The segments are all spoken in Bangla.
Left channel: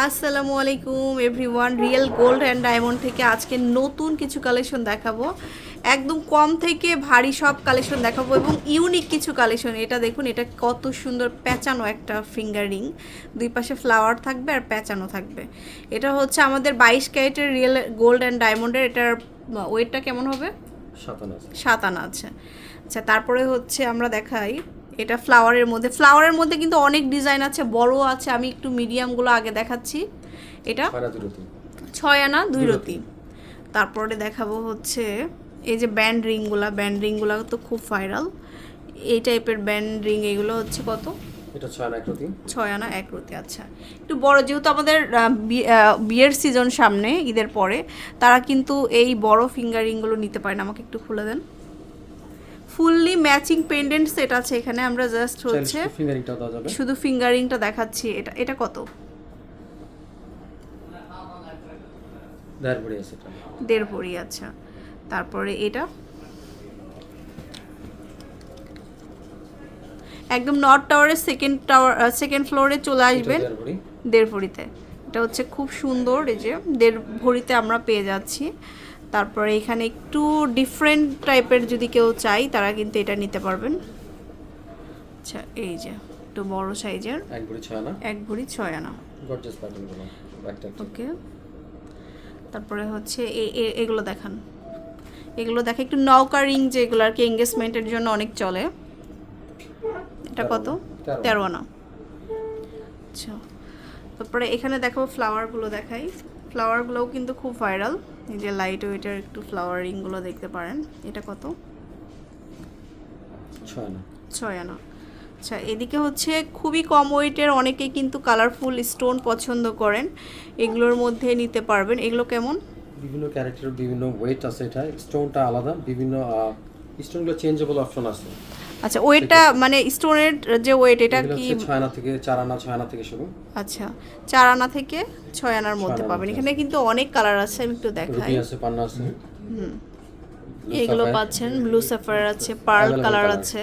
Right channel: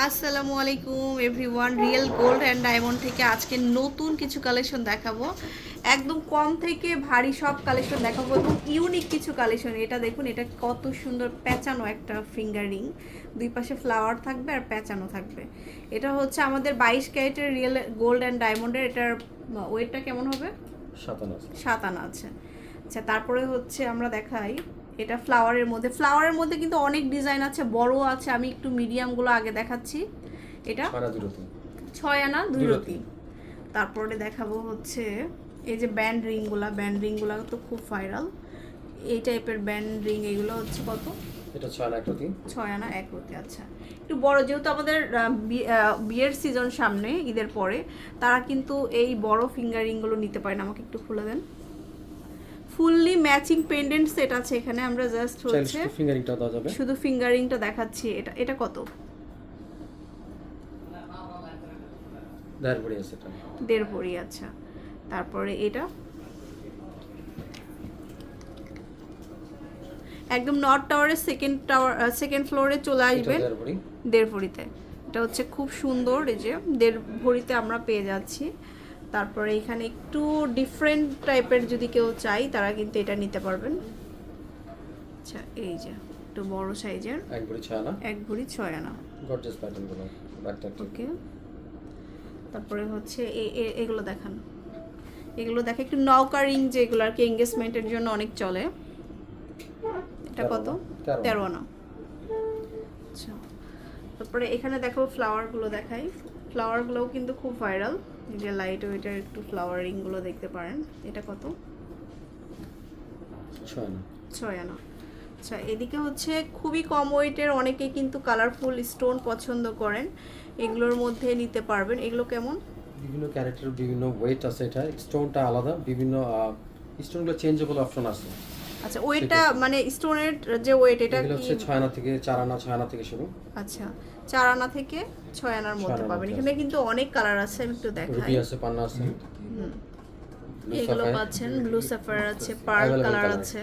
আসসালামু আলাইকুম everyone real gold and diamond থেকে আজকে নতুন কিছু কালেকশন দেখাবো। একদম কম থেকে ভারী সব কালেকশন দেখাবো এবং ইউনিক কিছু কালেকশন এটা দেখুন এটা কত সুন্দর প্যাঁচানো একটা ফিঙ্গার রিং দুই পাশে ফ্লাওয়ার থাকবে আর প্যাঁচানো থাকবে। এটা হচ্ছে আমাদের বাইশ ক্যারেটের রিয়েল গোল্ড অ্যান্ড ডায়মন্ডের এটার ওয়েটটা কেমন হবে? সাতান্ন সাত আনা আছে। আচ্ছা তারপরে হচ্ছে আমরা দেখাই এটা ফ্লাওয়ারের মধ্যে। ফ্লাওয়ারের মধ্যে কিন্তু অনেক ডিজাইন আছে বড় আছে আমি একটু মিডিয়ামগুলো আগে দেখাচ্ছি। এটা ছয় আনা দুই রতি। তারপরে দেখাবো হচ্ছে এই যে ব্যান্ড রিংগুলা ব্যান্ড রিংগুলো তো খুব ভাইরাল এই টাইপের ব্যান্ড রিং এগুলো হচ্ছে কত? এটা ছয় না এক রতি। ছয় আনা এক রতি আচ্ছা। একটু বড় যেহেতু আমাদের বিয়ের সিজন সামনে ঈদের পরে তারা কিন্তু এই বড় ফিঙ্গার রিংগুলো নিতে পারে না। আমাকে একটু খুলে দেন। ফুললি ম্যাচিং পেন্ডেন্ট সেট আছে এখানে আমরা জাস্ট হচ্ছে শুধু ফিঙ্গারিংটাও দেওয়া যাবে। শুধু ফিঙ্গারিংটা দেখাচ্ছি এটা এটা কত? দেড় ভরি আছে এটা। দেড় ভরি আচ্ছা। তারপরে এটা। একদম নর্থ টাওয়ারের সেকেন্ড টাওয়ার সেকেন্ড ফ্লোরে চলে আসবেন। দেড় ভরিতে। এটা হচ্ছে খুব সুন্দর এই যে দেড় ভরিতে আমরা পেয়ে যাচ্ছি। তারপরে এখানে একটু ডিফারেন্ট টাইপের যদি কেউ চাই তারা কিন্তু এটা নিতে পারবেন। আচ্ছা এই যে একটু বড় সাইজের। এক ভরি ছয় না এক ভরি ছয় আনা। গর্জাস প্যাটার্নগুলো ওকে তারপরে হচ্ছে এগুলো দেখান। এগুলো দেখে একটু নৌকা রিং যেগুলো আর কি এঙ্গেজমেন্টের জন্য অনেক চলে। এটা কত? তেরো আনা। তেরো আনা। আচ্ছা। তারপরে এখানে দেখো ফ্লাওয়ারগুলো দেখাই। ফ্লাওয়ারগুলোও কিন্তু খুব ভাইরাল এই যে লাইট ওয়েটের একটু ফ্লাওয়ার রিংগুলো দেখতে পারেন এটা কত? ছয় না ছয় আনা আচ্ছা এদিকে হচ্ছে খুবই কম ওয়েটের অনেকেই কিন্তু কালারফুল স্টোন পছন্দ করেন। এগুলোর মধ্যে নিতে পারবেন। এগুলো কেমন? বিভিন্ন ক্যারেক্টার বিভিন্ন ওয়েট আছে এটা। স্টোনটা আলাদা। বিভিন্ন স্টোনগুলো চেঞ্জেবল অপশন আছে। আচ্ছা ওয়েটটা মানে স্টোনের যে ওয়েট এটা কি হচ্ছে ছয় আনা থেকে চার আনা ছয় আনা থেকে শুরু। আচ্ছা চার আনা থেকে ছয় আনার মধ্যে পাবেন। এখানে কিন্তু অনেক কালার আছে আমি একটু দেখাই। রুবি আছে পান্না আছে। এগুলো পাচ্ছেন ব্লু সাফায়ার আছে পার্ল কালার আছে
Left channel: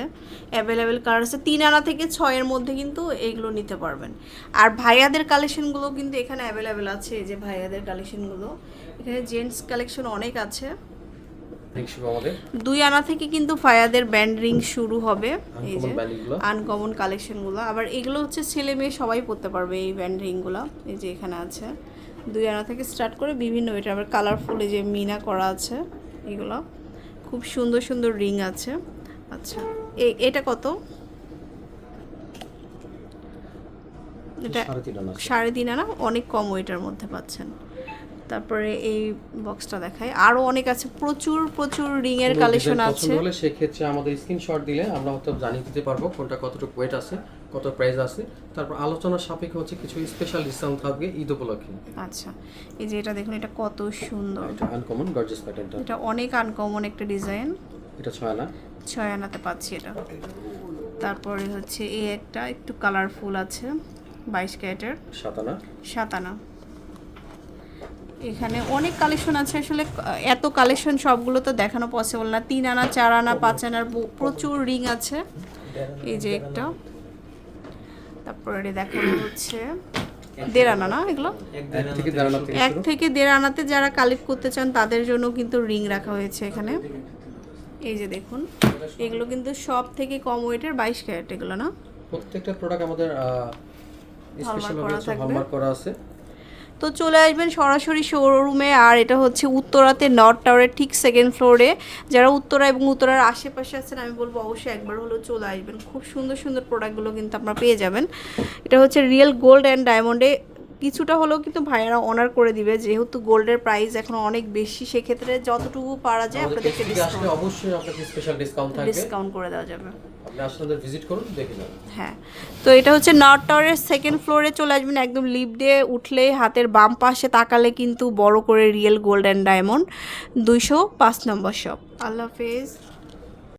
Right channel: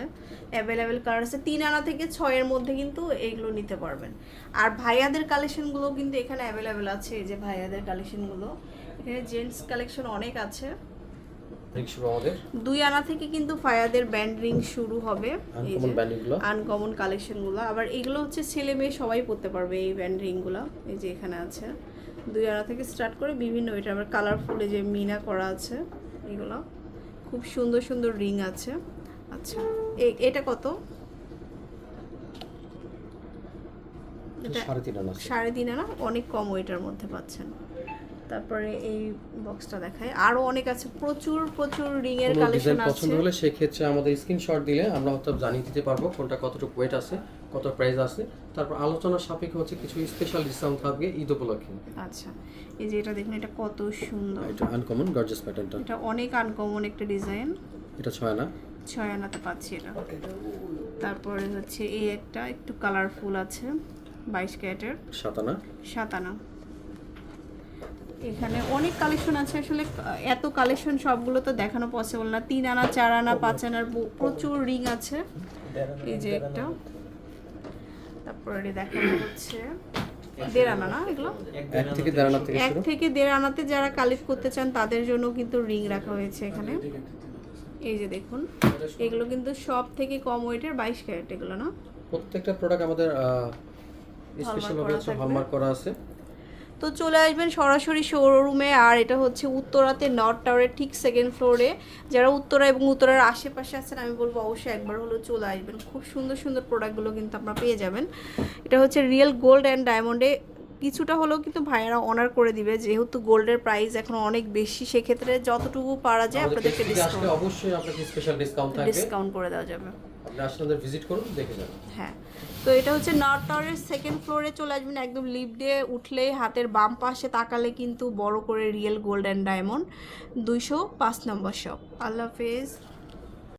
অ্যাভেলেবেল কালার আছে। তিন আনা থেকে ছয়ের মধ্যে কিন্তু এইগুলো নিতে পারবেন। আর ভাইয়াদের কালেকশনগুলো কিন্তু এখানে অ্যাভেলেবেল আছে এই যে ভাইয়াদের কালেকশনগুলো এখানে জেন্টস কালেকশন অনেক আছে। আমাদের দুই আনা থেকে কিন্তু ভাইয়াদের ব্যান্ড রিং শুরু হবে। এই আনকমন কালেকশনগুলো আবার এগুলো হচ্ছে ছেলে মেয়ে সবাই পরতে পারবে এই ব্যান্ড রিংগুলো এই যে এখানে আছে। দুই আনা থেকে স্টার্ট করে বিভিন্ন এটা আবার কালারফুল এই যে মিনা করা আছে এগুলো। খুব সুন্দর সুন্দর রিং আছে। আচ্ছা এই এটা কত? এটা সাড়ে তিন আনা অনেক কম ওয়েটের মধ্যে পাচ্ছেন। তারপরে এই বক্সটা দেখায় আরও অনেক আছে প্রচুর প্রচুর রিংয়ের কালেকশন আছে পছন্দ হলে সেক্ষেত্রে আমাদের স্ক্রিনশট দিলে আমরা হয়তো জানিয়ে দিতে পারব কোনটা কতটুকু ওয়েট আছে কত প্রাইস আছে। তারপর আলোচনার সাপেক্ষে হচ্ছে কিছু স্পেশাল ডিসকাউন্ট থাকবে ঈদ উপলক্ষে। আচ্ছা এই যে এটা দেখুন এটা কত সুন্দর। এটা আনকমন গর্জিয়াস প্যাটার্নটা এটা অনেক আনকমন একটা ডিজাইন এটা ছয় না ছয় আনাতে পাচ্ছি এটা। তারপরে হচ্ছে এই একটা একটু কালারফুল আছে বাইশ ক্যারেটের। সাত আনা। সাত আনা। এখানে অনেক কালেকশন আছে। আসলে এত কালেকশন সবগুলো তো দেখানো পসিবল না। তিন আনা চার আনা পাঁচ আনার প্রচুর রিং আছে। এই যে একটা। তারপরে দেখানো হচ্ছে দেড় আনা না এগুলো? এক থেকে দেড় আনাতে যারা কালেক্ট করতে চান তাদের জন্য কিন্তু রিং রাখা হয়েছে এখানে। এই যে দেখুন এগুলো কিন্তু সব থেকে কম ওয়েটের বাইশ ক্যারেট এগুলো না? প্রত্যেকটা প্রোডাক্ট আমাদের স্পেশাল। হলমার্ক করা আছে। তো চলে আসবেন সরাসরি শোরুমে আর এটা হচ্ছে উত্তরাতে নর্থ টাওয়ারের ঠিক সেকেন্ড ফ্লোরে যারা উত্তরা এবং উত্তরার আশেপাশে আছেন, আমি বলব অবশ্যই একবার হলেও চলে আসবেন। খুব সুন্দর সুন্দর প্রোডাক্টগুলো কিন্তু আপনারা পেয়ে যাবেন। এটা হচ্ছে রিয়েল গোল্ড অ্যান্ড ডায়মন্ডে কিছুটা হলেও কিন্তু ভাইয়ারা অনার করে দিবে। যেহেতু গোল্ডের প্রাইস এখন অনেক বেশি সেক্ষেত্রে যতটুকু পারা যায় আপনাদেরকে ডিসকাউন্ট অবশ্যই আপনাকে স্পেশাল ডিসকাউন্ট থাকবে। ডিসকাউন্ট করে দেওয়া যাবে। আপনি আসলে ভিজিট করুন দেখে যান। হ্যাঁ। তো এটা হচ্ছে নর্থ টাওয়ারের সেকেন্ড ফ্লোরে চলে আসবেন একদম লিফট দিয়ে উঠলে হাতের বাম পাশে তাকালে কিন্তু বড় করে রিয়েল গোল্ড অ্যান্ড ডায়মন্ড দুইশো পাঁচ নম্বর শপ আল্লাহ হাফেজ।